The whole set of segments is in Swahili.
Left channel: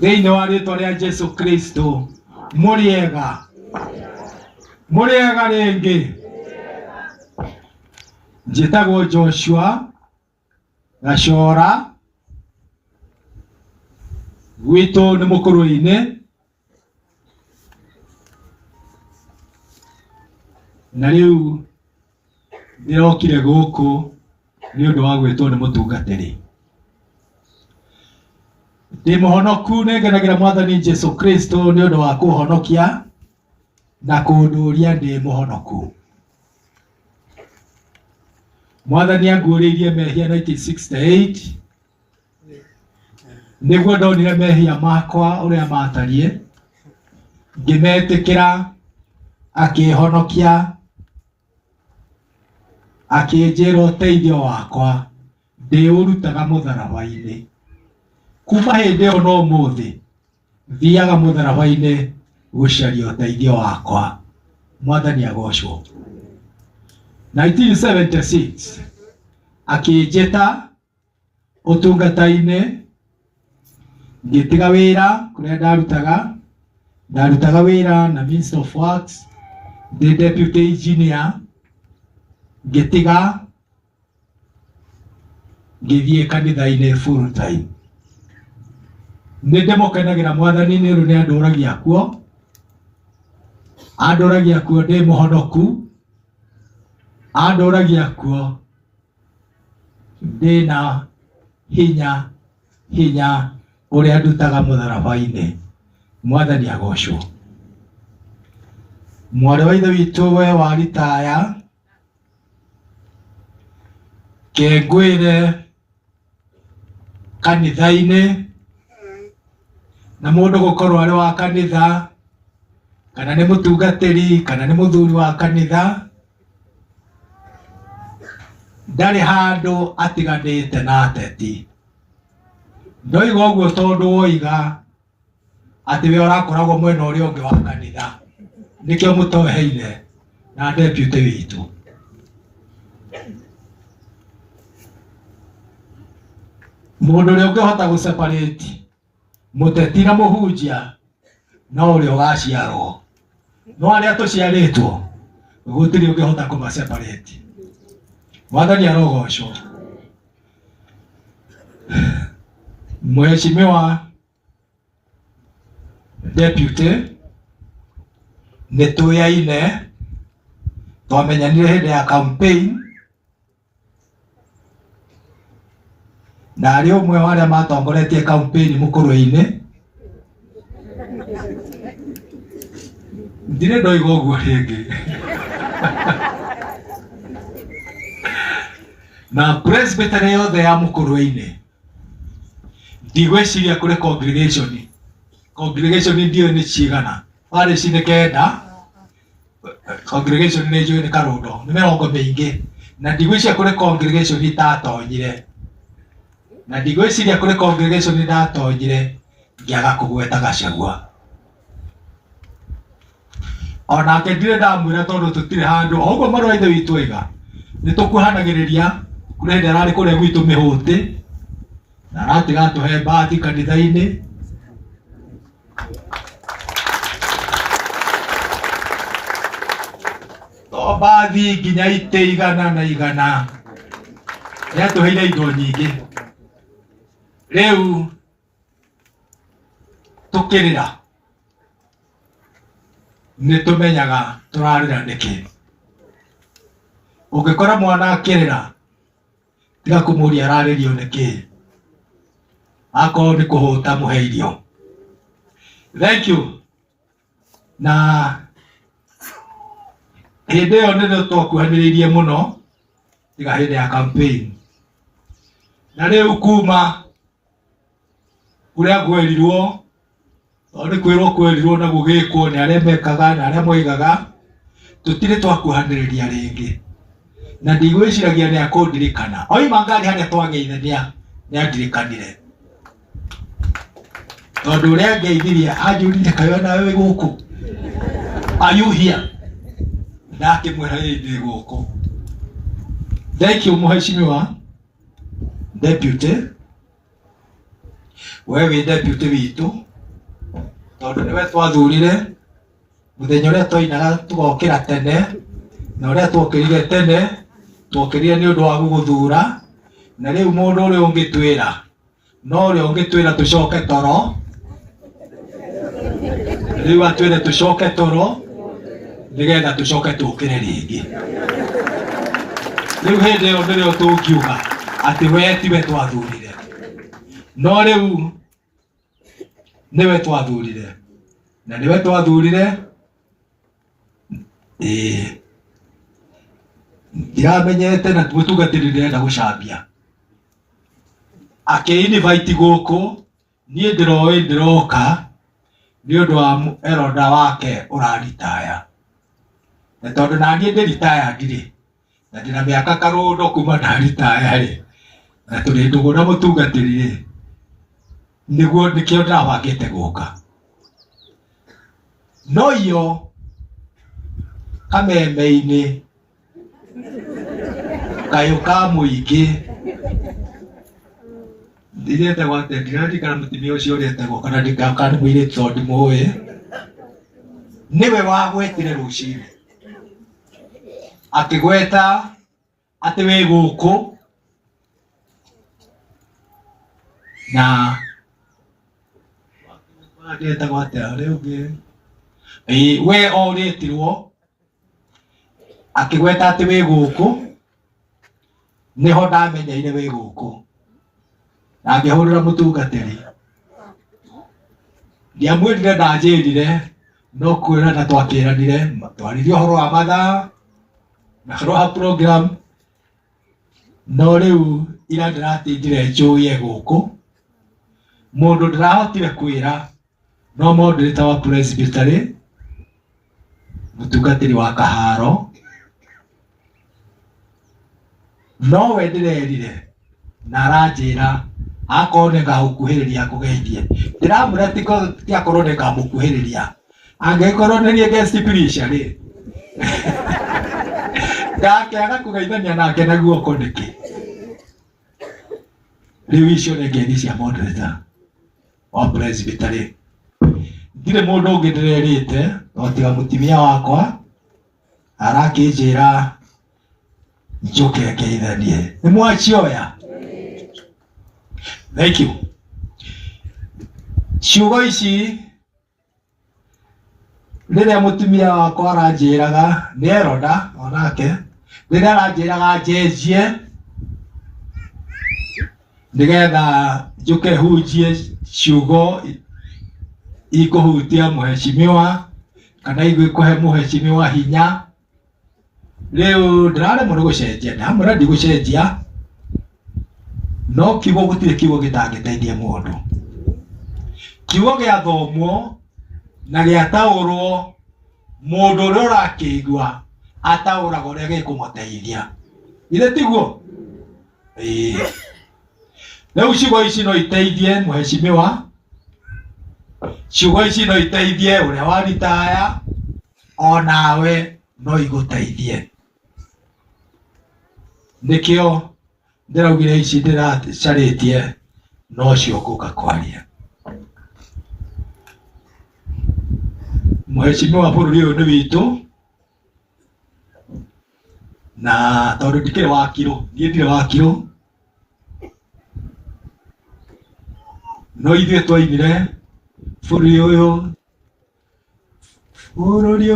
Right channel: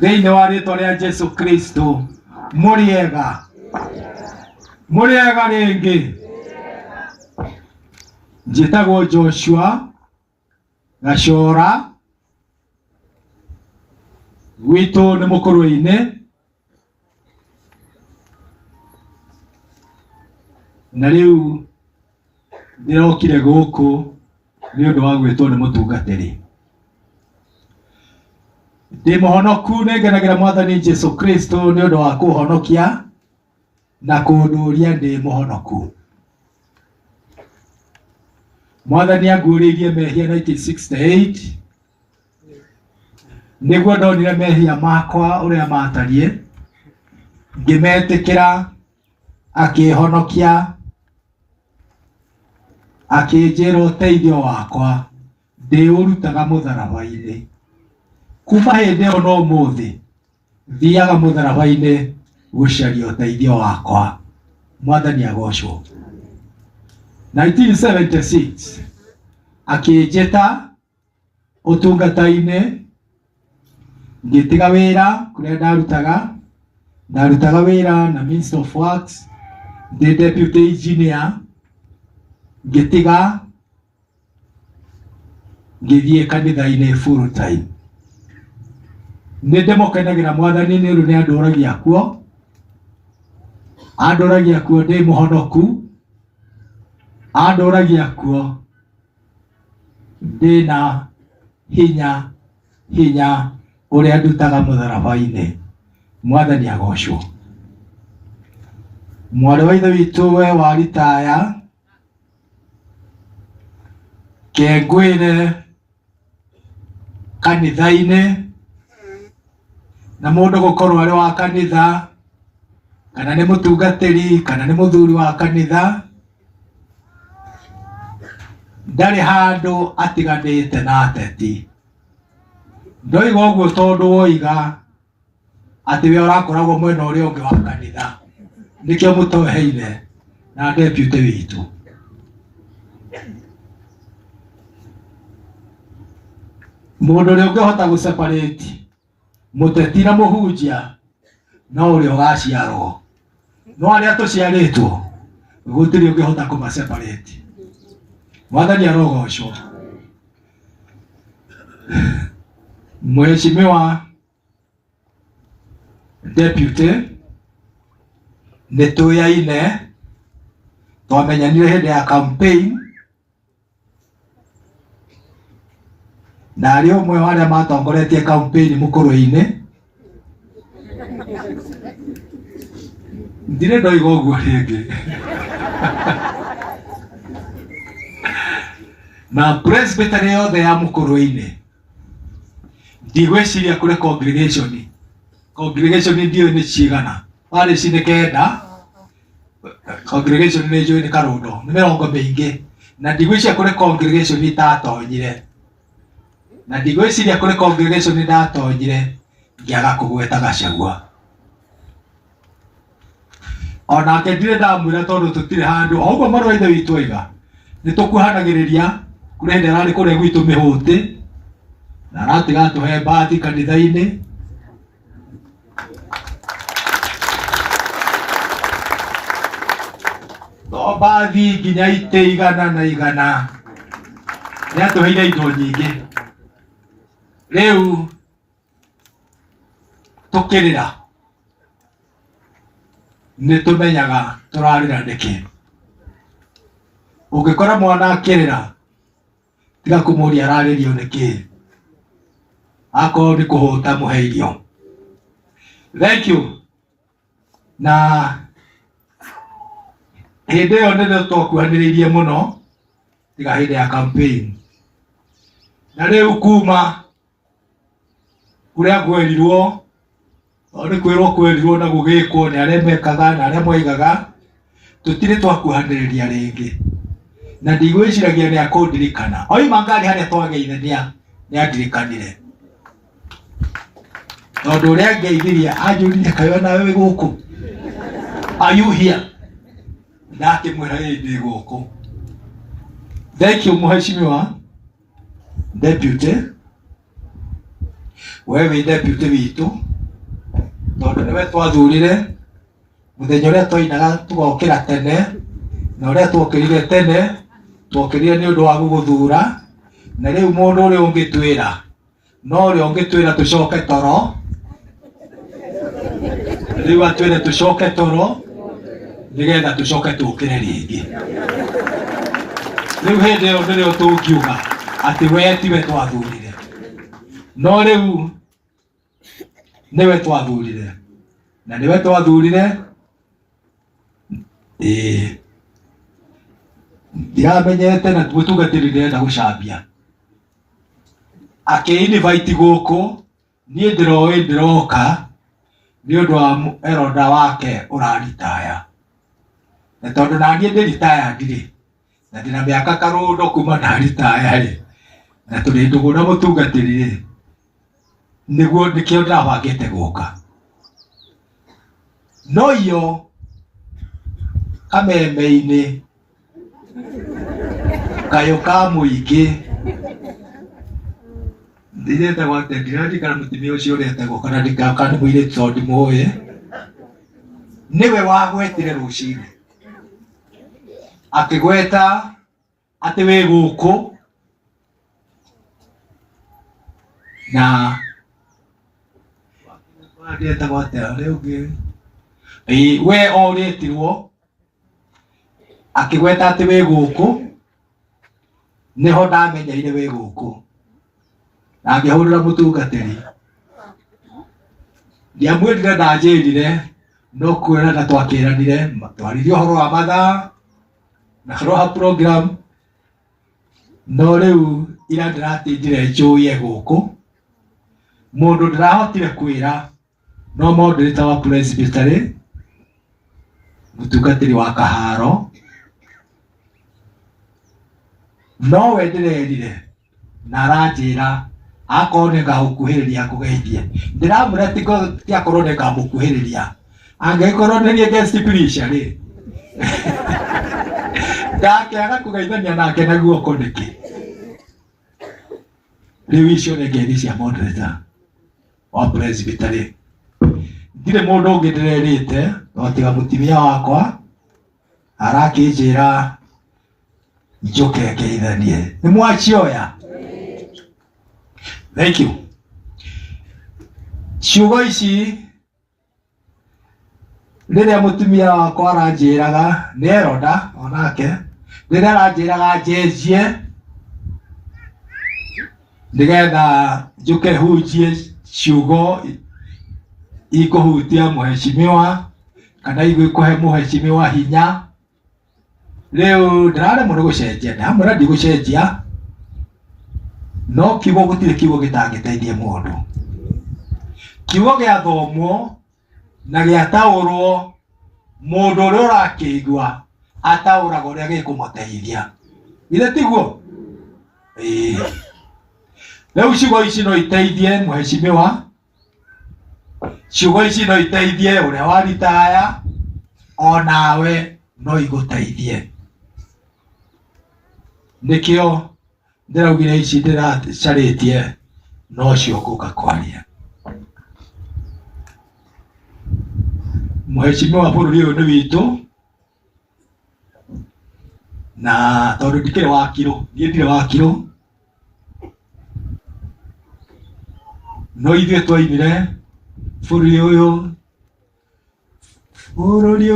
thĩinĩ wa rĩĩtwa rĩa Jesu Kristo. Mũrĩega rĩngĩ. Njĩtagwo Joshua Gacora, gwitũ nĩ Mũkũrũi-inĩ, na rĩu ndĩrokire gũkũ nĩ ũndũ wa gwĩtwo nĩ mũtungatĩri. Ndĩ mũhonoku, nĩ ngenagĩra Mwathani Jesu Kristo nĩ ũndũ wa kũhonokia na kũndũũria ndĩ mũhonoku. Mwathani anguũrĩirie mehia 1968 nĩguo ndonire mehia makwa ũrĩa matariĩ, ngĩmetĩkĩra, akĩhonokia, akĩnjĩra ũteithio wakwa ndĩũrutaga mũtharaba-inĩ. Kuma hĩndĩ ĩyo no ũmũthĩ thiaga mũtharaba-inĩ gũcaria ũteithio wakwa. Mwathani agocwo. 1976 akĩnjĩta ũtungata-inĩ, ngĩtiga wĩra kũrĩa ndarutaga wĩra na Ministry of Works, ndĩ deputy engineer, ngĩtiga ngĩthiĩ kanitha-inĩ full time. Nĩ ndĩmũkenagĩra Mwathani nĩ ũndũ nĩ andũragia kuo ndĩ mũhonoku, andũragia kuo ndĩna hinya ũrĩa ndutaga mũtharaba-inĩ. Mwathani agocwo. Mwarĩ wa ithe witũ we wa ritaya, kengwĩre kanitha-inĩ, na mũndũ gũkorwo arĩ wa kanitha kana nĩ mũtungatĩri kana nĩ mũthuri wa kanitha, ndarĩ handũ atiganĩte na ateti. Ndoiga ũguo tondũ woiga atĩ we ũrakoragwo mwena ũrĩa ũngĩ wa kanitha, nĩkĩo mũtoheire na deputy witũ. Mũndũ ũrĩa ũngĩhota gũseparate mũteti na mũhunjia no ũrĩa ũgaciarwo, no arĩa tũciarĩtwo gũtirĩ ũngĩhota kũmaseparate. Mwathani arogocwo. Mheshimiwa deputy, nĩ tũyaine, twamenyanire hĩndĩ ya campaign, na arĩ ũmwe wa arĩa matongoretie campaign Mũkũrũi-inĩ. Ndirĩ ndoiga ũguo rĩngĩ. Na presbytery yothe ya Mũkũrũi-inĩ ndigwĩciria kũrĩ congregation ndiyo nĩ cigana, warĩ ci nĩ kenda, congregation nĩ njũĩ nĩ Karũndo, nĩ mĩrongo mĩingĩ, na ndigwĩciria kũrĩ congregation itatonyire, na ndigwĩciria kũrĩ congregation ndatonyire ngĩaga kũgweta Gachagua. Onake ndirĩ ndamwĩra tondũ tũtirĩ handũ, o ũguo mwarĩ wa ithe witũ oiga, nĩ tũkuhanagĩrĩria kũrĩ hĩndĩ ararĩ kũrĩa gwitũ Mĩhũtĩ, na aratiga tũhe mbathi kanitha-inĩ. To mbathi nginya itĩ igana na igana, nĩ atũheire indo nyingĩ. Rĩu tũkĩrĩra nĩ tũmenyaga tũrarĩra nĩkĩ. Ũngĩkora mwana akĩrĩra, tiga kũmũria ararĩrio nĩkĩ, akorwo nĩ kũhũta mũhe irio. Thank you. Na hĩndĩ ĩyo nĩ twakuhanĩrĩirie mũno, tiga hĩndĩ ya campaign. Na rĩu kuma kũrĩa kwerirwo, nĩ kwĩrwo na gũgĩkwo nĩ arĩa mekaga na arĩa moigaga, tũtirĩ twakuhanĩrĩria rĩngĩ. Na ndigwĩciragia nĩ akũndirikana. Oima ngari harĩa twageithania nĩ andirikanire. Tondũ ũrĩa ngeithirie anjũrire kaĩ nawe wĩ gũkũ. Are you here? Ndakĩmwĩra ndĩ gũkũ. Thank you Mheshimiwa Deputy. we wĩ deputy witũ tondũ nĩwe twathurire mũthenya ũrĩa twainaga tũgokĩra tene, na ũrĩa twokĩrire tene twokĩrire nĩ ũndũ wa gũgũthura. Na rĩu mũndũ ũrĩa ũngĩtwĩra no ũrĩa ũngĩtwĩra tũcoke toro, rĩu atwĩre tũcoke toro nĩgetha tũcoke tũkĩre rĩngĩ. Rĩu hĩndĩ ĩyo nĩrĩo tũngiuga atĩ we tiwe twathurire, no rĩu nĩwe twathurire, na nĩwe twathurire. Ndiramenyete na mũtungatĩri ndĩrenda gũcambia akĩ-invite gũkũ, niĩ ndĩroĩ ndĩroka nĩ ũndũ wa eroda wake ũraritaya, na tondũ naniĩ ndĩritaya ndirĩ na ndĩna mĩaka karũndo kuma ndaritaya rĩ, na tũrĩ ndũgũ na mũtungatĩri rĩ, nĩguo nĩkĩo ndĩrabangĩte gũka. No iyo kameme-inĩ kayũ ka mũingĩ ndirĩtagwo atĩ, ndiraririkana mũtumia ũcio ũretagwo kana ndikaka nĩ mũirĩtu tondũ ndimũĩ, nĩwe wagwetire rũcinĩ akĩgweta atĩ wĩ gũkũ, na ndetagwo atĩa rĩu ũngĩ, we orĩtirwo akĩgweta atĩ wĩ gũkũ, nĩho ndamenyeire wĩ gũkũ, na ngĩhũrĩra mũtungatĩri ndiamwĩrire ndanjĩrire, no kwĩra na twakĩranire twarithie ũhoro wa mathaa na ũhoro wa program. No rĩu ira ndĩratindire njũye gũkũ, mũndũ ndĩrahotire kwĩra no moderator wa presbytery, mũtungatĩri wa Kaharo, no we ndĩrerire na aranjĩra akorwo nĩngagũkuhĩrĩria ngũgeithie. Ndĩramwĩra ti akorwo nĩngamũkuhĩrĩria, angĩkorwo nĩ guest preacher rĩ ndakĩaga kũgeithania nake na guoko nĩkĩ. Rĩu icio nĩ ngeithi cia moderator wa presbytery. Ndirĩ mũndũ ũngĩ ndĩrerĩte no tiga mũtumia wakwa arakĩnjĩra njoke ngeithanie. Nĩ mwacioya? Thank you. Ciugo ici rĩrĩa mũtumia wakwa aranjĩraga nĩ eroda onake, rĩrĩa aranjĩraga njenjie nĩgetha njũke hunjie ciugo ikũhutia mũheshimiwa kana igũkũhe mũheshimiwa hinya, rĩu ndĩraremwo nĩ gũcenjia. Ndamwĩra ndigũcenjia, no kiugo gũtirĩ kiugo gĩtangĩteithia mũndũ. Kiugo gĩathomwo na gĩataũrwo, mũndũ ũrĩa ũrakĩigua ataũraga ũrĩa gĩkũmũteithia. Ithe tiguo? Rĩu ciugo ici no iteithie mũheshimiwa, ciugo ici no iteithie ũrĩa waritaya, onawe no igũteithie. Nĩkĩo ndĩraugire ici ndĩracarĩtie no cio ngũka kwaria. Mũheshimiwa bũrũri ũyũ nĩ witũ, na tondũ ndikĩrĩ wakirũ, niĩ ndirĩ wakirũ, no ithuĩ twainire bũrũri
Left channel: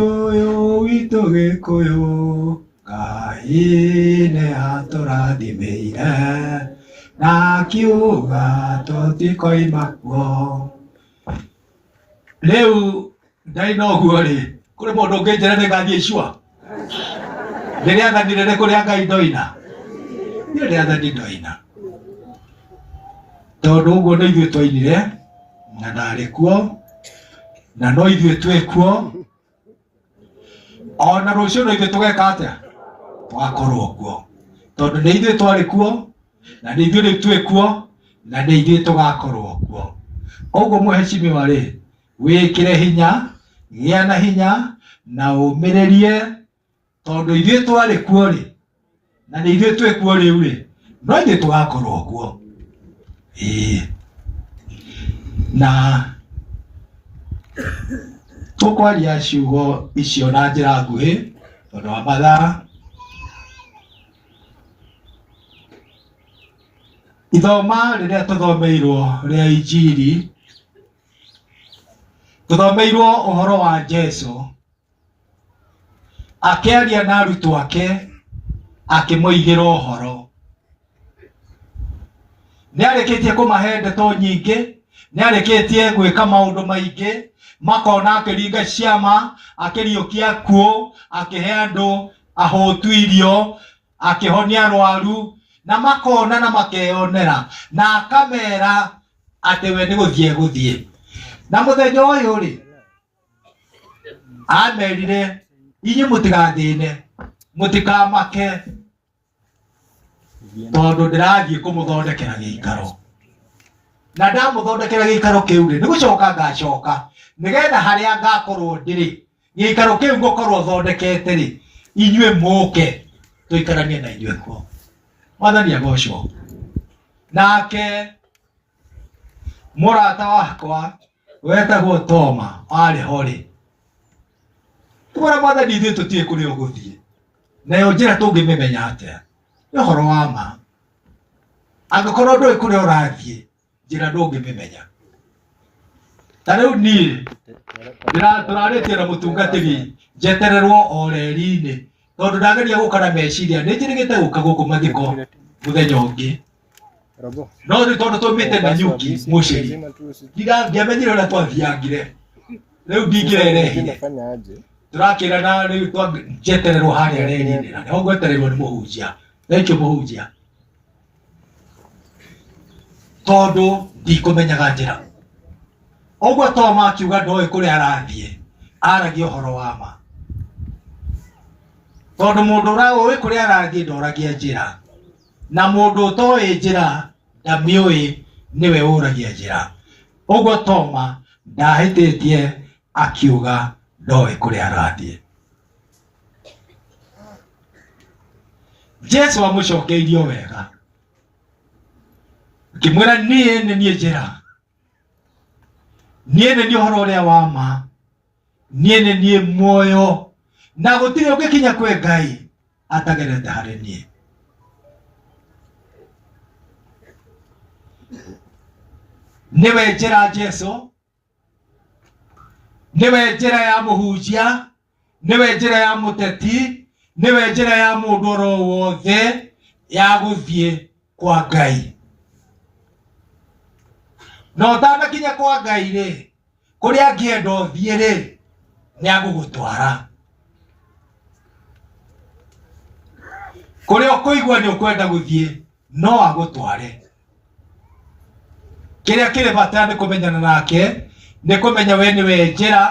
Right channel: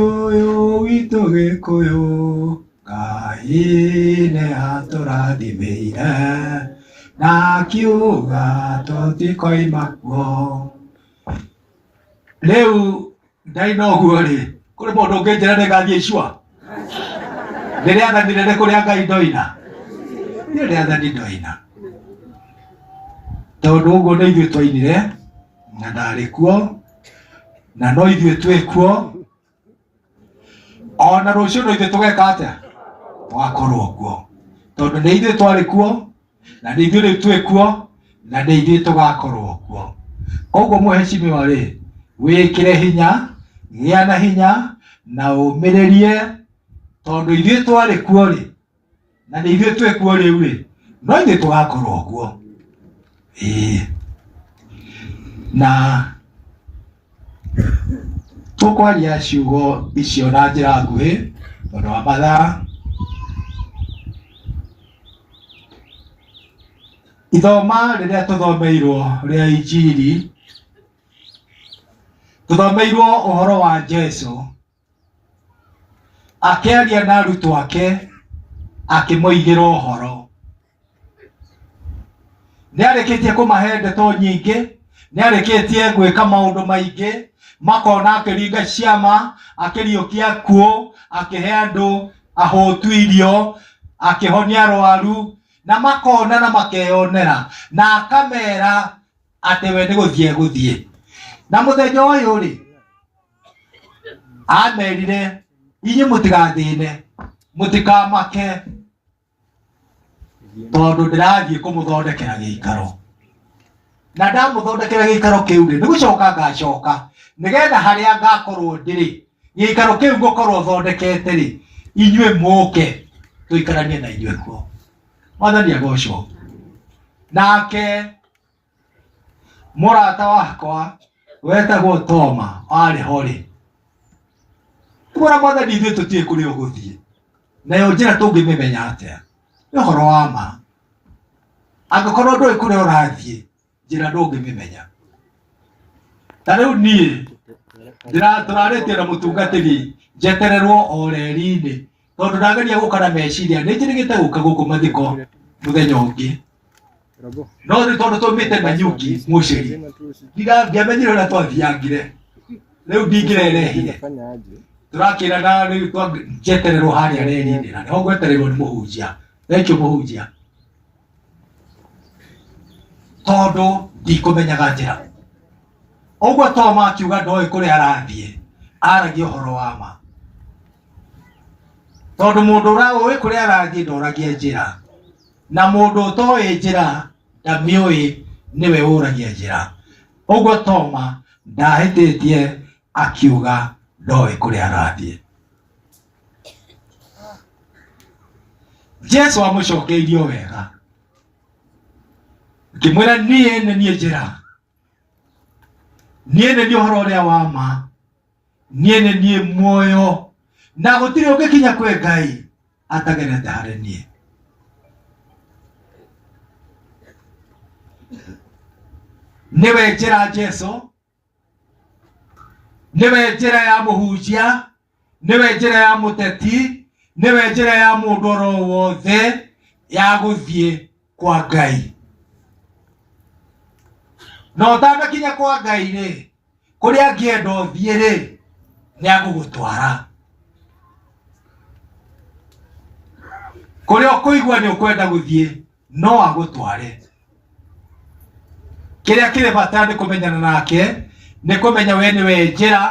ũyũ witũ Gĩkũyũ, Ngai nĩ atũrathimĩire na akiuga tũtikoima kuo. Rĩu ndaina ũguo rĩ, kũrĩ mũndũ ũngĩnjĩra nĩngathiĩ icua? Nĩ rĩathani rĩrĩkũ rĩa Ngai ndoina? Nĩ rĩathani ndoina, tondũ ũguo nĩ ithuĩ twainire na ndarĩ kuo, na no ithuĩ twĩ kuo, ona rũciũ no ithuĩ tũgeka atĩa? Twakorwo kuo, tondũ nĩ ithuĩ twarĩ kuo na nĩ ithuĩ rĩu twĩ kuo na nĩ ithuĩ tũgakorwo kuo. Koguo mũheshimiwa rĩ, wĩkĩre hinya, gĩa na hinya na ũmĩrĩrie, tondũ ithuĩ twarĩ kuo rĩ na nĩ ithuĩ twĩ kuo rĩu rĩ, no ithuĩ tũgakorwo kuo. na tukwaria ciugo icio na njĩra nguhĩ tondũ wa mathaa. Ithoma rĩrĩa tũthomeirwo rĩa Injili, tũthomeirwo ũhoro wa Jesũ akĩaria na arutwo ake akĩmoigĩra ũhoro. Nĩarĩkĩtie kũmahe ndeto nyingĩ, nĩarĩkĩtie gwĩka maũndũ maingĩ, makona akĩringa ciama, akĩriũkia akuũ, akĩhe andũ ahũtu irio, akĩhonia arwaru, na makona na makeyonera, na akamera atĩ we nĩ gũthiĩ gũthiĩ. Na mũthenya ũyũ rĩ, amerire inyuĩ mũtigathĩne, mũtikamake, tondũ ndĩrathiĩ kũmũthondekera gĩikaro. Na ndamũthondekera gĩikaro kĩu rĩ, nĩgũcoka ngacoka, nĩgetha harĩa ngakorwo ndĩrĩ, gĩikaro kĩu ngũkorwo thondekete rĩ, inyuĩ mũke tũikaranie na inyuĩ kuo. Mwathani agocwo. Nake mũrata wakwa wetagwo Toma arĩ ho rĩ, tũmwĩra Mwathani ithuĩ tũtiĩ kũrĩa ũgũthiĩ, nayo njĩra tũngĩmĩmenya atĩa? Nĩ ũhoro wa ma. Angĩkorwo ndũĩ kũrĩa ũrathiĩ, njĩra ndũngĩmĩmenya. Ta rĩu niĩ tũrarĩtie na mũtungatĩri njetererwo o reri-inĩ, tondũ ndageria gũka na meciria nĩ njĩrĩgĩte gũka gũkũ mathiko mũthenya ũngĩ. No rĩu tondũ tũmĩte na nyuki mũceri, ndiamenyire ũrĩa twathiangire, rĩu ndingĩrerehire. Tũrakĩraga rĩu njetererwo harĩa reri-inĩ, na nĩho ngwetererwo nĩ mũhunjia. Thengiũ mũhunjia, tondũ ndikũmenyaga njĩra. Ũguo Toma akiuga ndoĩ kũrĩa arathiĩ, aragia ũhoro wa ma. Tondũ mũndũ ũĩ kũrĩa arathiĩ ndoragia njĩra, na mũndũ ũtoĩ njĩra ndamĩũĩ nĩwe ũragia njĩra. Ũguo Toma ndahĩtĩtie akiuga ndoĩ kũrĩa arathiĩ. Jesũ amũcokeirio wega, akĩmwĩra niĩ nĩ niĩ njĩra, niĩ nĩ niĩ ũhoro ũrĩa wa ma, niĩ nĩ niĩ muoyo, na gũtirĩ ũngĩkinya kwĩ Ngai atagerete harĩ niĩ. Nĩwe njĩra Jesũ, nĩwe njĩra ya mũhunjia, nĩwe njĩra ya mũteti, nĩwe njĩra ya mũndũ oro wothe ya gũthiĩ kwa Ngai. Na ũtanakinya kwa Ngai rĩ, kũrĩa angĩenda ũthiĩ rĩ, nĩ agũgũtwara. Kũrĩa ũkũigua nĩ ũkwenda gũthiĩ, no agũtware. Kĩrĩa kĩrĩ bata nĩ kũmenyana nake, nĩ kũmenya we nĩwe njĩra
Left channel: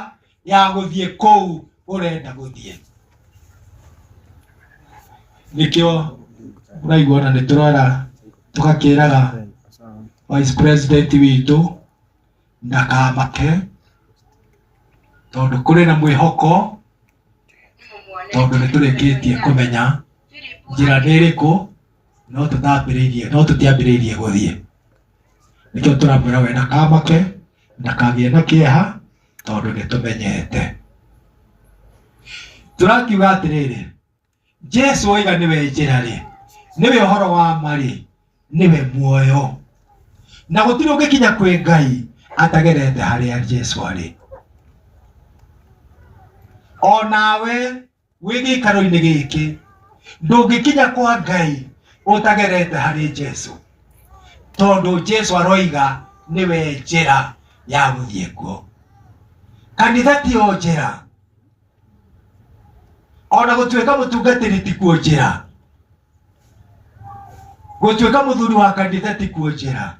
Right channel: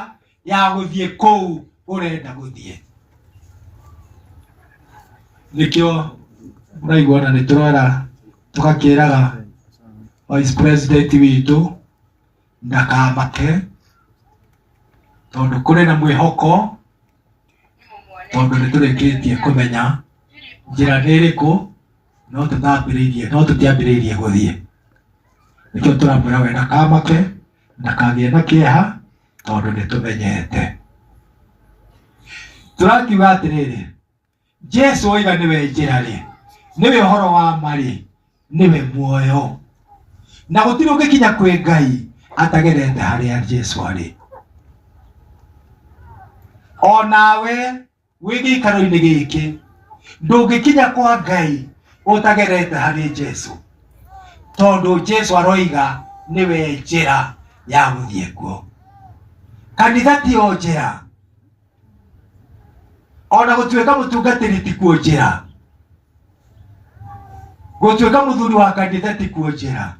ya gũthiĩ kũu ũrenda gũthiĩ. Nĩkĩo mũraigua na nĩtũrora tũgakĩraga Vice President witũ ndakamake, tondũ kũrĩ na mwĩhoko, tondũ nĩtũrĩkĩtie kũmenya njĩra nĩ ĩrĩkũ, no tũtiambĩrĩirie gũthiĩ. Nĩkĩo tũramwĩra we ndakamake, ndakagĩe na kĩeha, tondũ nĩtũmenyete. Tũrakiuga atĩrĩrĩ, Jesũ oiga nĩwe njĩra rĩ, nĩwe ũhoro wa ma rĩ, nĩwe muoyo, na gũtirĩ ũngĩkinya kwĩ Ngai atagerete harĩa Jesũ arĩ. O nawe wĩ gĩikaro-inĩ gĩkĩ ndũngĩkinya kwa Ngai ũtagerete harĩ Jesũ, tondũ Jesũ aroiga nĩwe njĩra ya gũthiĩ kuo. Kanitha ti o njĩra, ona gũtuĩka mũtungatĩri ti kuo njĩra, gũtuĩka mũthuri wa kanitha ti kuo njĩra.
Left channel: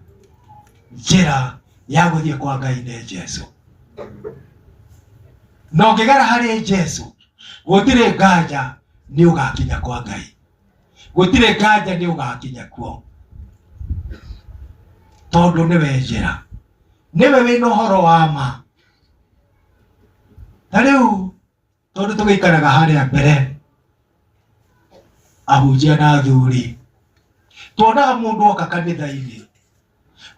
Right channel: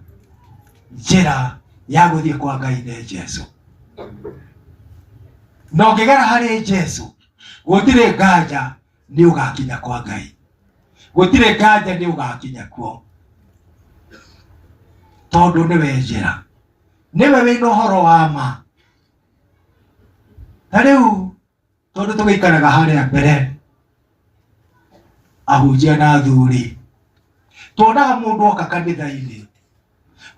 Njĩra ya gũthiĩ kwa Ngai nĩ Jesũ. Na ũngĩgera harĩ Jesũ, gũtirĩ nganja nĩ ũgakinya kwa Ngai, gũtirĩ nganja nĩ ũgakinya kuo, tondũ nĩwe njĩra, nĩwe wĩna ũhoro wa ma. Na rĩu tondũ tũgĩikaraga harĩa mbere, ahunjia na athuri, tuonaga mũndũ oka kanitha-inĩ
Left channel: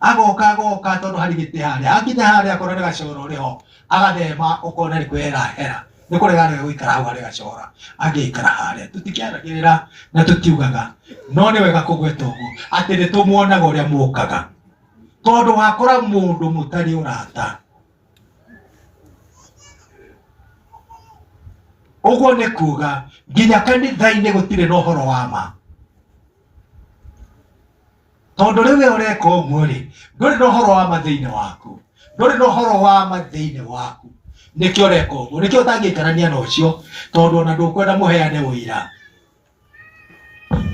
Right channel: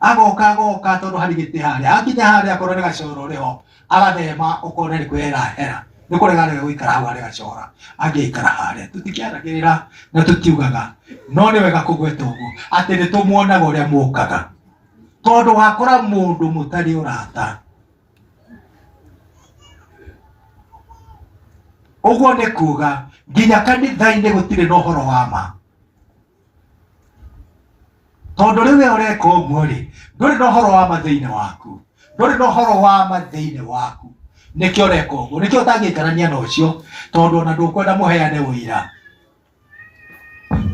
agoka tondu hari giti haria akinya haria akorwo ni gacoro riho agathema ukone ni kwera hera ni kurega guikara hau haria gacora angiikara haria tutikiaragirira na tutiugaga no ni wega kugweta uguo ati ni tumuonaga uria mukaga tondu wakora mundu mutari urata uguo ni kuga nginya kanitha-ini gutire na uhoro wa ma tondu riwe ureka uguo ri nduri na uhoro wa ma thiini waku nduri na uhoro wa ma thiini waku nikio ureka uguo nikio utangikarania na ucio tondu ona ndukwenda muheane uira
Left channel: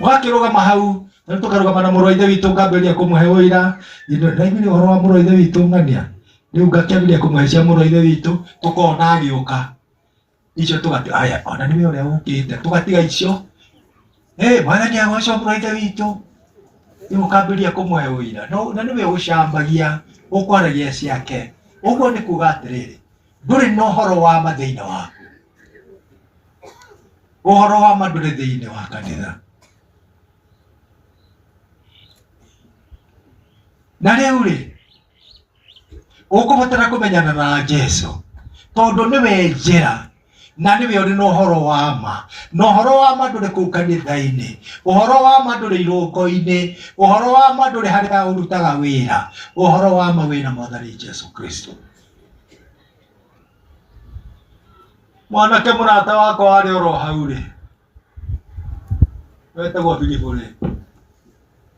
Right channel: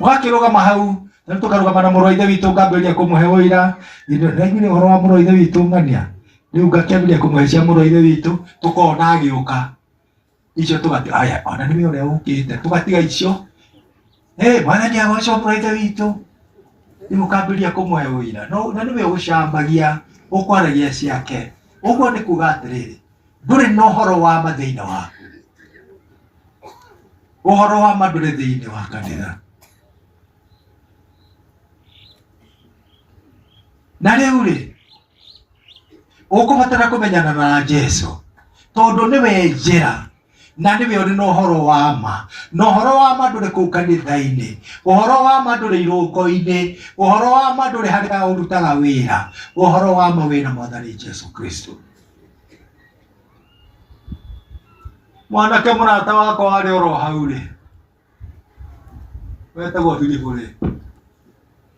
wakirugama hau na tukarugama na muru wa ithe witu ngambiria kumuhe uira ndaigu ni uhoro wa muru wa ithe witu ngania riu ngakiambiria kumuhecia muru wa ithe witu tukona agiuka icio tugati aya ona niwe uria ukite tugatiga icio mwathani agocwo muru wa ithe witu imukambiria kumuhe uira no na niwe ucambagia ukwaragia ciake uguo ni kuga atiriri nduri na uhoro wa ma thiini waku uhoro wa ma nduri thiini wa kanitha na riu ri ukubatara kumenyana na Jesu tondu niwe njira na niwe uri na uhoro wa ma na uhoro wa ma nduri kuu kanitha-ini uhoro wa ma nduri irungo-ini uhoro wa ma nduri haria urutaga wira uhoro wa ma wina mwathani Jesu Kristo mwanake murata wakwa wari oro hau ri wetagwo Filipu ri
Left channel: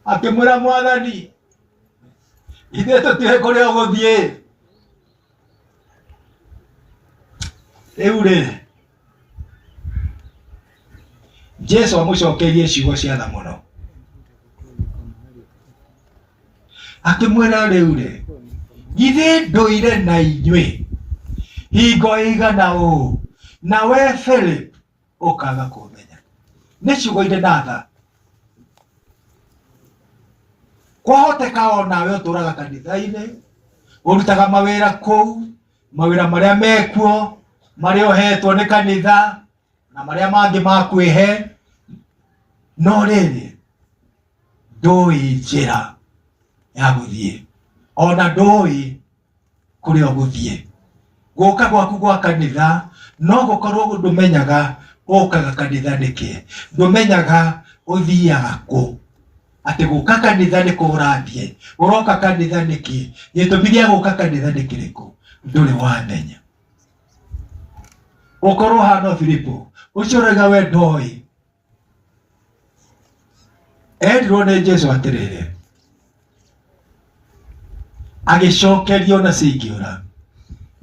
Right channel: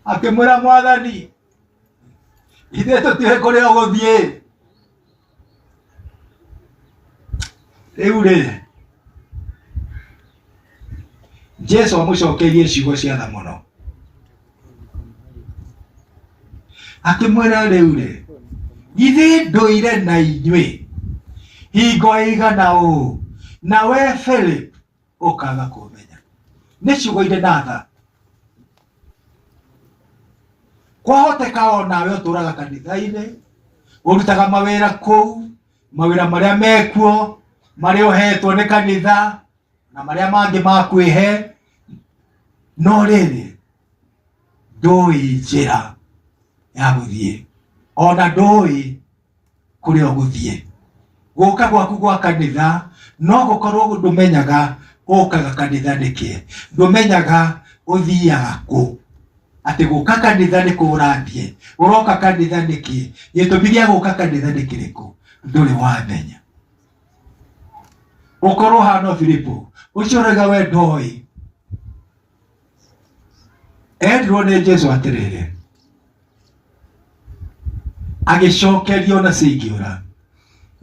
akimwira mwathani ithe tutiwe kuria uguthie riu ri Jesu amucokerie ciugo cia tha muno akimwira riu ri githĩ ndũire na inyuĩ hingo igana ũũ na we Philip ukaga kumenya nĩ ciugo irĩ na tha kwahoteka onawe ũtũraga kanitha-inĩ ũrutaga mawĩra kũu mawĩra marĩa mekuo marĩa ũhetwo nĩ kanitha na marĩa mangĩ ma kwĩhe no rĩrĩ ndũĩ njĩra ya gũthiĩ ona ndũĩ kũrĩa ũgũthiĩ gũka gwaku gwa kanitha no gũkorwo ndũmenyaga ũkaga kanitha nĩkĩ ndũmenyaga ũthiaga kũ ati gũka kanitha nĩ kũrathiĩ ũroka kanitha nĩkĩ gĩtũmi gĩa gũka kanitha nĩ kĩrĩkũ ndũrĩ wamenya ũkorwo hana Filipu ũcio ũrauga we ndoĩ endirwo nĩ Jesu atĩrĩrĩ agĩcokerio na cingĩũra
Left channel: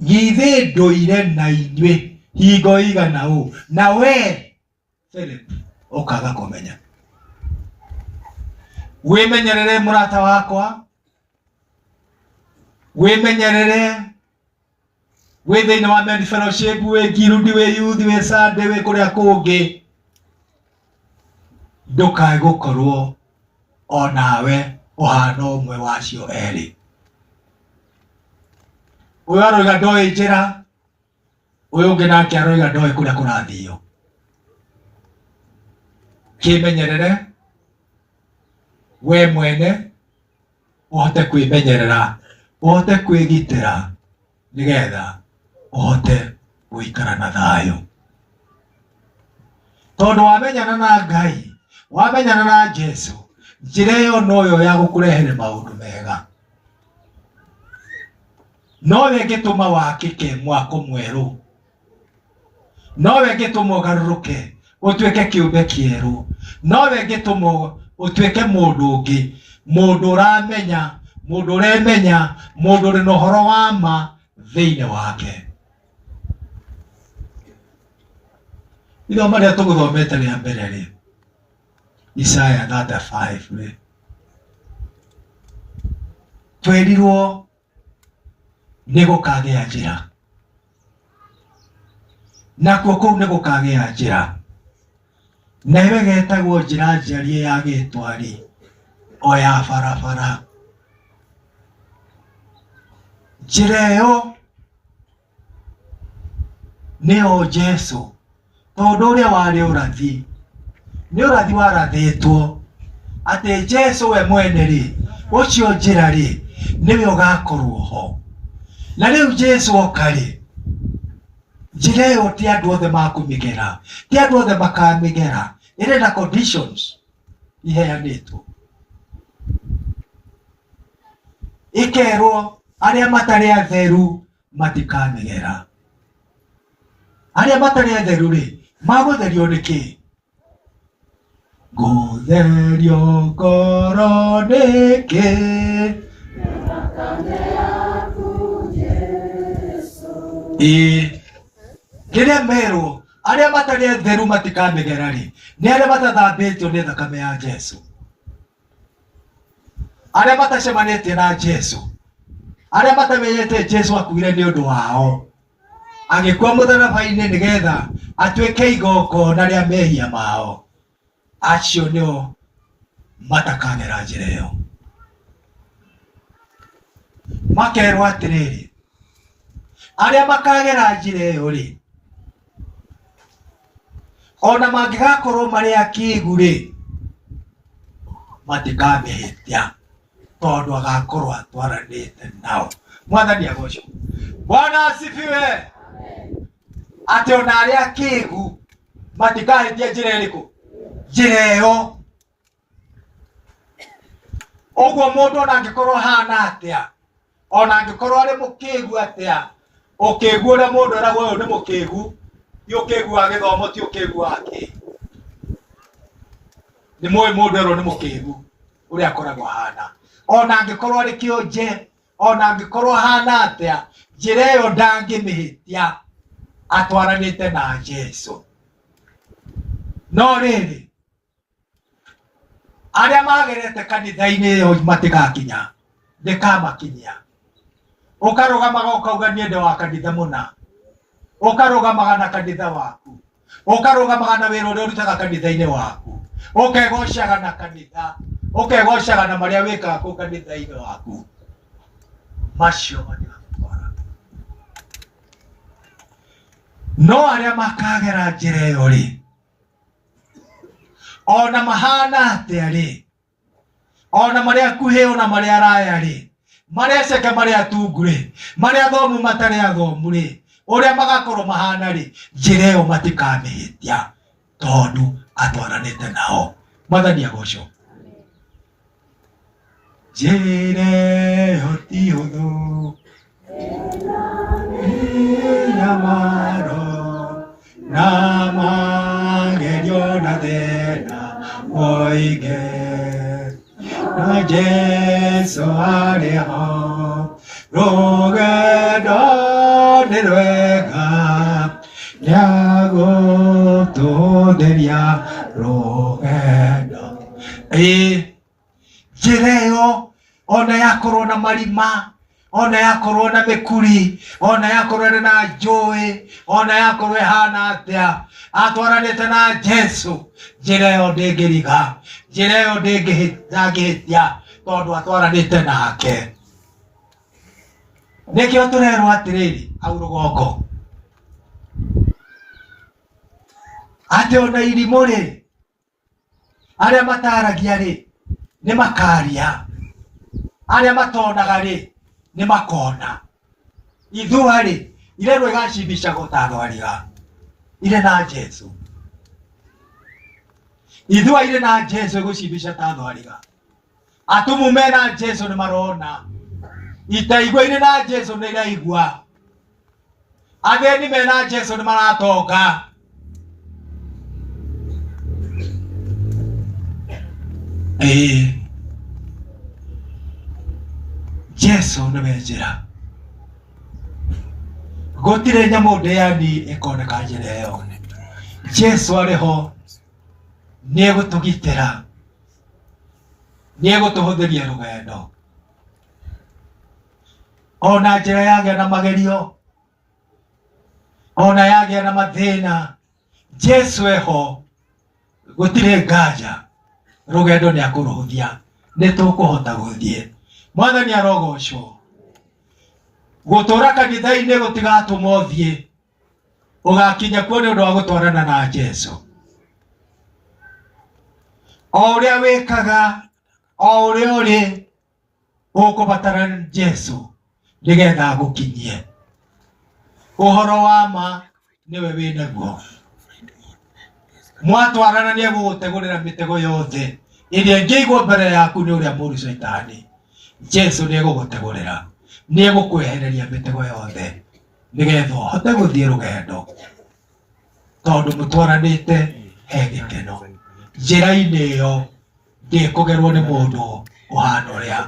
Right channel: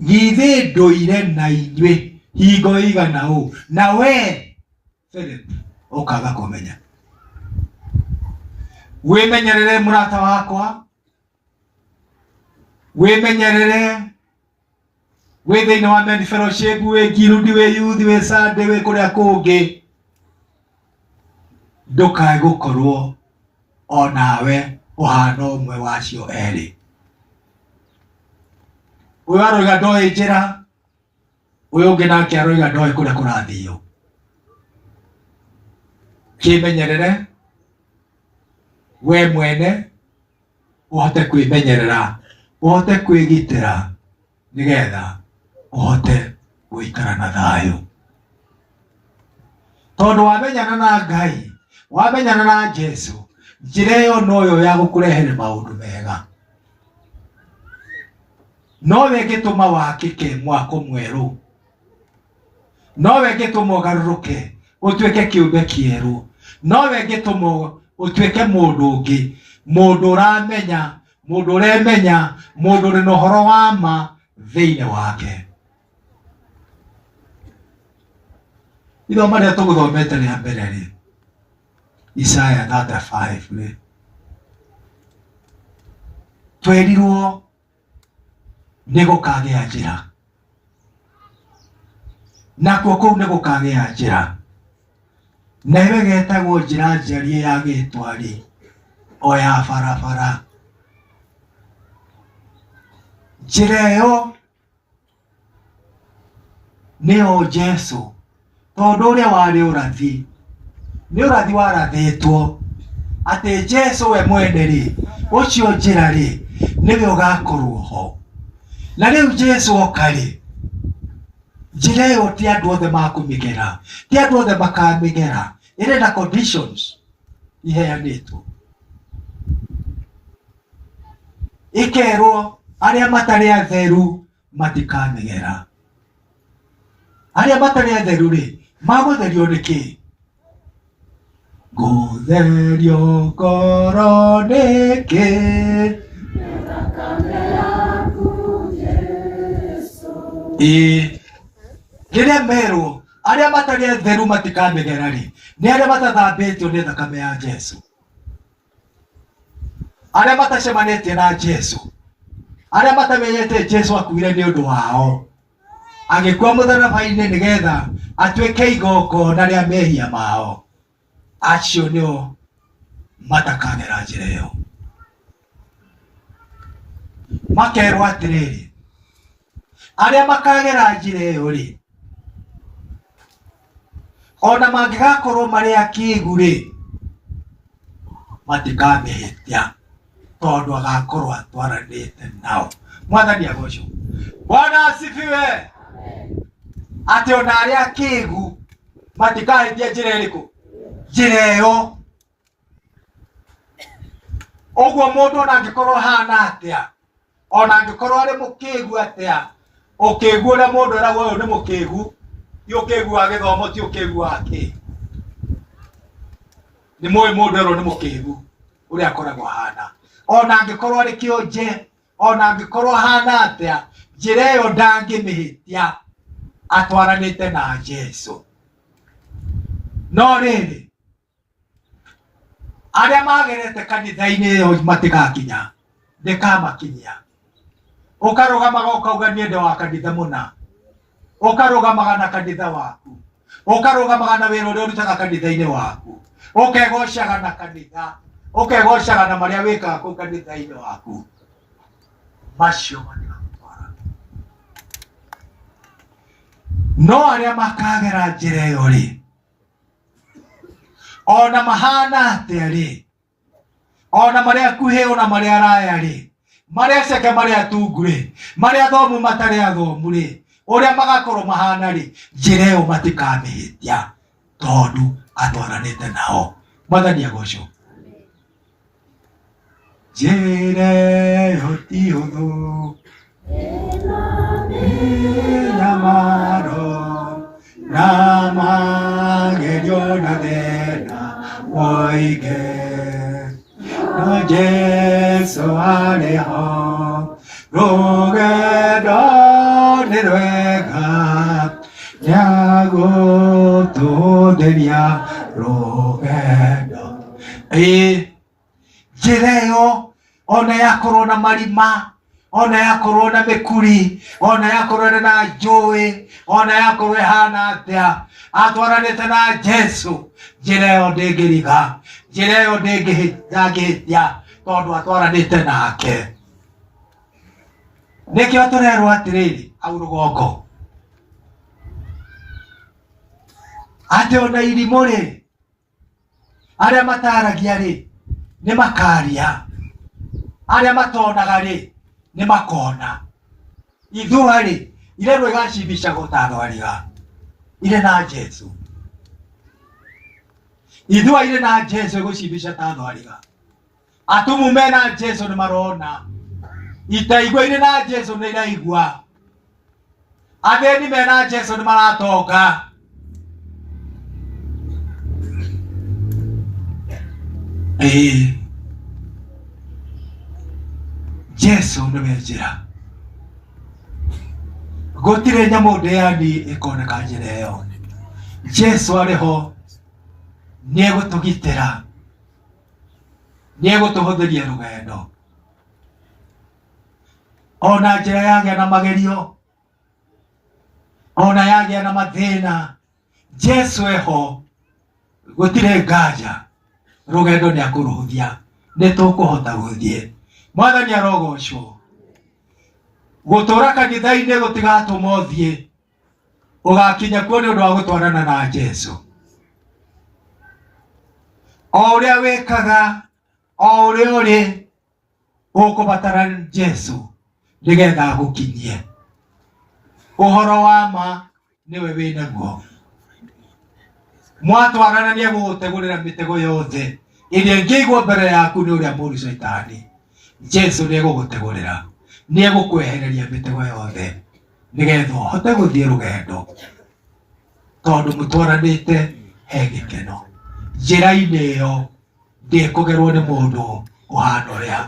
githĩ ndũire na inyuĩ hingo igana ũũ na we Philip ũkaga kũmenya wĩmenyerere mũrata wakwa wĩmenyerere wĩ thĩinĩ wa Men Fellowship wĩ Girundi wĩ Youth wĩ Sunday wĩ kũrĩa kũngĩ ndũkae gũkorwo onawe ũhana ũmwe wacio erĩ ũyũ aroiga ndoĩ njĩra ũyũ ũngĩ nake aroiga ndoĩ kũrĩa kũrathio kĩmenyerere we mwene uhote kwĩmenyerera uhote kwĩgitĩra nigetha uhote gũikara na thayũ tondu wamenyana na Ngai wamenyana na Jesu njĩra ĩyo noyo ya gũkũrehere maũndũ mega nowe ĩngĩtũma wakĩke mwako mwerũ nowe ĩngĩtũma ũgarũrũke ũtuĩke kĩũmbe kĩerũ nowe ĩngĩtũma utuĩke mũndũ ũngĩ mũndũ ũramenya mũndũ ũremenya mũndũ ũrĩ na ũhoro wa ma thĩinĩ wake ithoma rĩrĩa tũgũthomete rĩa mbere rĩ Isaya 35 rĩ twerirwo nĩ gũkagĩa njĩra nakuo kũu nĩ gũkagĩa njĩra na iwe getagwo njĩra njarie ya gĩtwari o ya barabara njĩra ĩyo nĩyo Jesu tondu ũrĩa warĩ ũrathi nĩ ũrathi warathĩtwo atĩ Jesu we mwene rĩ ũcio njĩra rĩ niwe ugakorwo ho. Na riu Jesu okari njira iyo ti andu othe makumigera, ti andu othe makamigera, iri na conditions iheanitwo. Ikerwo aria matari atheru matikamigera. Aria matari atheru ri magutherio niki? Gutherio ngoro niki? Rĩrĩa merwo arĩa matarĩ atheru matikamegera rĩ, nĩ arĩa matathambĩtio nĩ thakame ya Jesu, arĩa matacemanĩtie na Jesu, arĩa matamenyete Jesu akuire nĩ ũndũ wao, agĩkua mũtharaba-inĩ nĩgetha atuĩke igongona rĩa mehia mao. Acio nĩo matakagera njĩra ĩyo. Makerwo atĩrĩrĩ, arĩa makagera njĩra ĩyo rĩ, ona mangĩgakorwo marĩ akĩĩgu rĩ, matikamĩhĩtia tondũ agakorwo atwaranĩte nao. Mwathani agocwo. Bwana asifiwe. Atĩ ona arĩa akĩĩgu matikahĩtia njĩra ĩrĩkũ? Njĩra ĩyo. Ũguo mũndũ ona angĩkorwo hana atĩa, ona angĩkorwo arĩ mũkĩĩgu atĩa, ũkĩĩgu ũrĩa mũndũ eragwo ũyũ nĩ mũkĩĩgu, ti ũkĩĩgu wa gĩthomo, ti ũkĩĩgu wake. Nĩ mũĩ mũndũ erwo nĩ mũkĩĩgu ũrĩa akoragwo hana. Ona angĩkorwo arĩ kĩonje, ona angĩkorwo hana atĩa, njĩra ĩyo ndangĩmĩhĩtia atwaranĩte na Jesu. No rĩrĩ, arĩa magerete kanitha-inĩ ĩyo matigakinya, ndĩkamakinyia. Ũkarũgamaga ũkauga niĩ ndĩ wa kanitha mũna, ũkarũgamaga na kanitha waku, ũkarũgamaga na wĩra ũrĩa ũrutaga kanitha-inĩ waku, ũkegocaga na kanitha, ũkegocaga na marĩa wĩkaga kũu kanitha-inĩ waku. Macio matigagũtwara. No arĩa makagera njĩra ĩyo rĩ, ona mahana atĩa rĩ, ona marĩa akuhĩ ona marĩa araya rĩ, marĩa aceke marĩa atungu rĩ, marĩa athomu matarĩ athomu rĩ, ũrĩa magakorwo mahana rĩ, njĩra ĩyo matikamĩhĩtia tondũ atwaranĩte nao. Mwathani agocwo. Njĩra ĩyo ti hũthũ, ĩna waro na magerio na thĩna mũingĩ. No Jesu arĩ ho, rũgendo nĩ rwega, nĩagũtũtheria rũgendo. Njĩra ĩyo ona yakorwo na marima, ona yakorwo na mĩkuri, ona yakorwo na njũĩ, ona yakorwo ĩhana atĩa, atwaranĩte na Jesu, njĩra ĩyo ndĩngĩriga, njĩra ĩyo ndĩngĩhĩtia tondũ atwaranĩte nake. Nĩkĩo tũrerwo atĩrĩrĩ hau rũgongo atĩ ona irimũ rĩ, arĩa mataragia rĩ, nĩ makaria, arĩa matonaga rĩ, nĩ makona. Ithua rĩ, irerwo igacibicagwo ta thwariga irĩ na Jesu. Ithua irĩ na Jesu igũcibica ta thwariga. Atumu mena Jesu nĩ marona, itaigua irĩ na Jesu nĩ iraigua, athĩni mena Jesu nĩ maratonga. Jesu nĩwe njĩra, gũtirĩ nyamũ ndĩani ĩkoneka njĩra ĩyo. Jesu arĩ ho, nĩegũtũgitĩra, nĩegũtũhũthĩria rũgendo. Ona njĩra yagĩa na magerio, ona yagĩa na mathĩna, Jesu eho, gũtirĩ nganja, rũgendo nĩakũrũhũthia, nĩtũkũhota gũthiĩ. Mwathani arogocwo. Gũtũra kanitha-inĩ gũtigatũma ũthiĩ, ũgakinya kuo nĩ ũndũ wa gũtwarana na Jesu. O ũrĩa wĩkaga, o ũrĩa ũrĩ, ũkũbatara Jesu nĩgetha agũkinyie. Ũhoro wa ma nĩwe wĩnaguo. Mwatwarana nĩegũgũtegũrĩra mĩtego yothe ĩrĩa ĩngĩigwo mbere yaku nĩ ũrĩa mũru Shaitani. Jesu nĩegũgũtegũrĩra, nĩegũkwehereria mĩtego yothe nĩgetha ũhote gũthiĩ rũgendo, tondũ mũtwaranĩte he gĩkeno. Njĩra-inĩ ĩyo ndĩkũgerwo nĩ mũndũ ũhana ũrĩa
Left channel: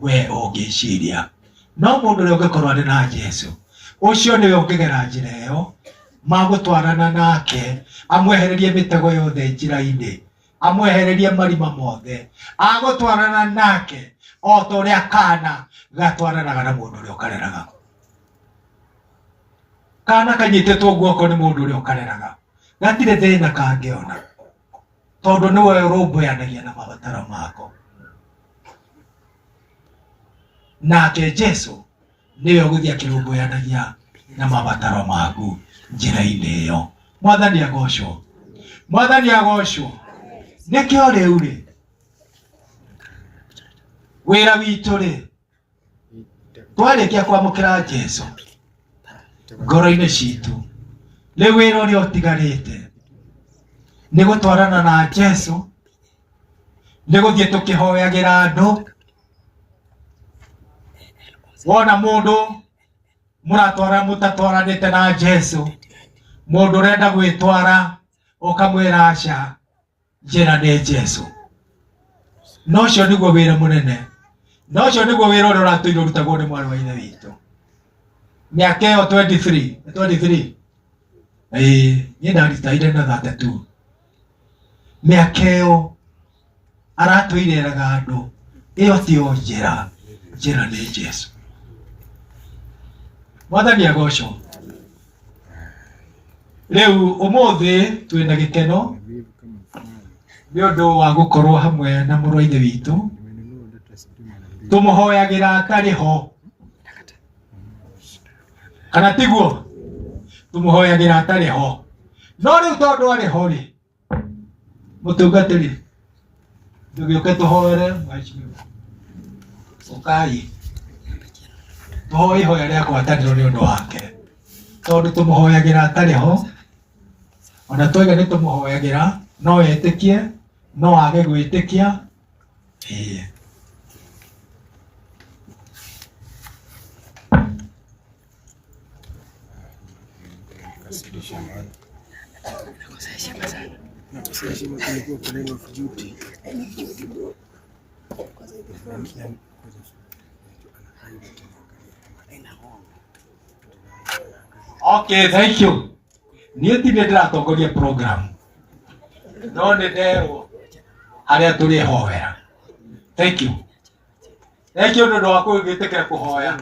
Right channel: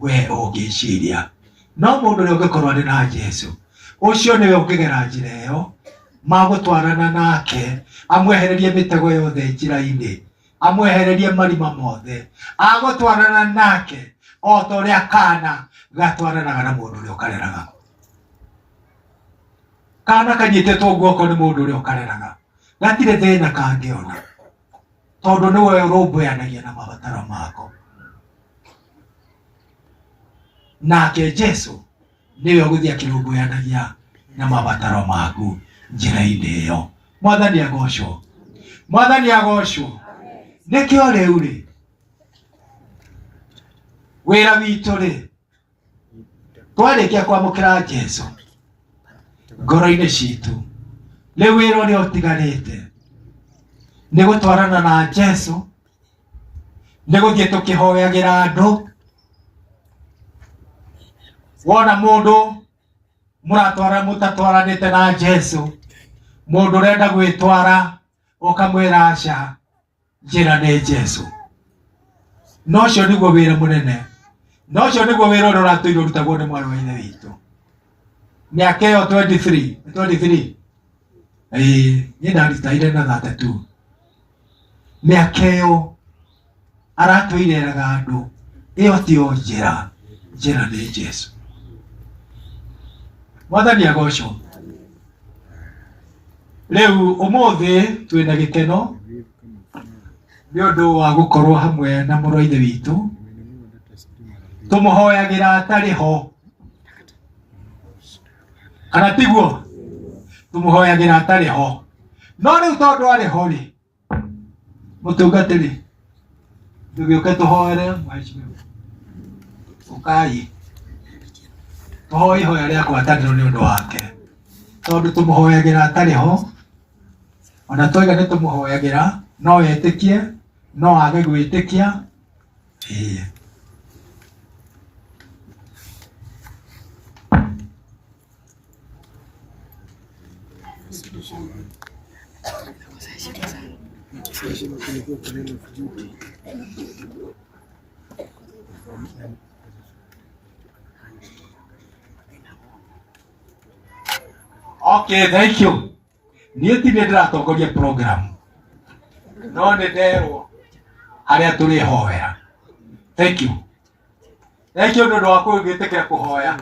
we ũngĩciria, no mũndũ ũrĩa ũngĩkorwo arĩ na Jesu, ũcio nĩwe ũngĩgera njĩra ĩyo, magũtwarana nake, amwehererie mĩtego yothe njĩra-inĩ, amwehererie marima mothe, agũtwarana nake o ta ũrĩa kana gatwaranaga na mũndũ ũrĩa ũkareraga. Kana kanyitĩtwo guoko nĩ mũndũ ũrĩa ũkareraga, gatirĩ thĩna kangĩona, tondũ nĩwe ũrũmbũyanagia na mabataro mako. Nake Jesu nĩwe ũgũthiĩ akĩrũmbũyanagia na mabataro maku njĩra-inĩ ĩyo. Mwathani agocwo, Mwathani agocwo. Nĩkĩo rĩu rĩ, wĩra witũ rĩ, twarĩkia kwamũkĩra Jesu ngoro-inĩ citũ, rĩu wĩra ũrĩa ũtigarĩte nĩ gũtwarana na Jesu, nĩ gũthiĩ tũkĩhoyagĩra andũ. Wona mũndũ mũtatwaranĩte na Jesu, mũndũ ũrenda gwĩtwara, ũkamwĩra aca, njĩra nĩ Jesu. No ũcio nĩguo wĩra mũnene, no ũcio nĩguo wĩra ũrĩa ũratũire ũrutagwo nĩ mwarĩ wa ithe witũ. Mĩaka ĩyo 23 niĩ ndaritaire na 32. Mĩaka ĩyo aratũireraga andũ, ĩyo tiyo njĩra, njĩra nĩ Jesu. Mwathani agocwo. Rĩu ũmũthĩ twĩna gĩkeno nĩ ũndũ wa gũkorwo hamwe na mũrũ wa ithe witũ, tũmũhoyagĩra atarĩ ho, kana tiguo? Tũmũhoyagĩra atarĩ ho. No rĩu tondũ arĩ ho rĩ, mũtungatĩri, tũgĩũke tũhoere mheshimiwa. Ũkai tũhoe ihoya rĩa gwatanĩro nĩ ũndũ wake, tondũ tũmũhoyagĩra atarĩ ho. Ona twaiga nĩ tũmũhoyagĩra, no etĩkie, no age gwĩtĩkia. Okay, thank you. Niĩ ti nĩ ndĩratongoria program, no nĩ nderwo harĩa tũrĩhoera. Thank you. Thank you nĩ ũndũ wa gwĩtĩkĩra kũhoya.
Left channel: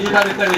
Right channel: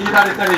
Ihinda rĩtarĩ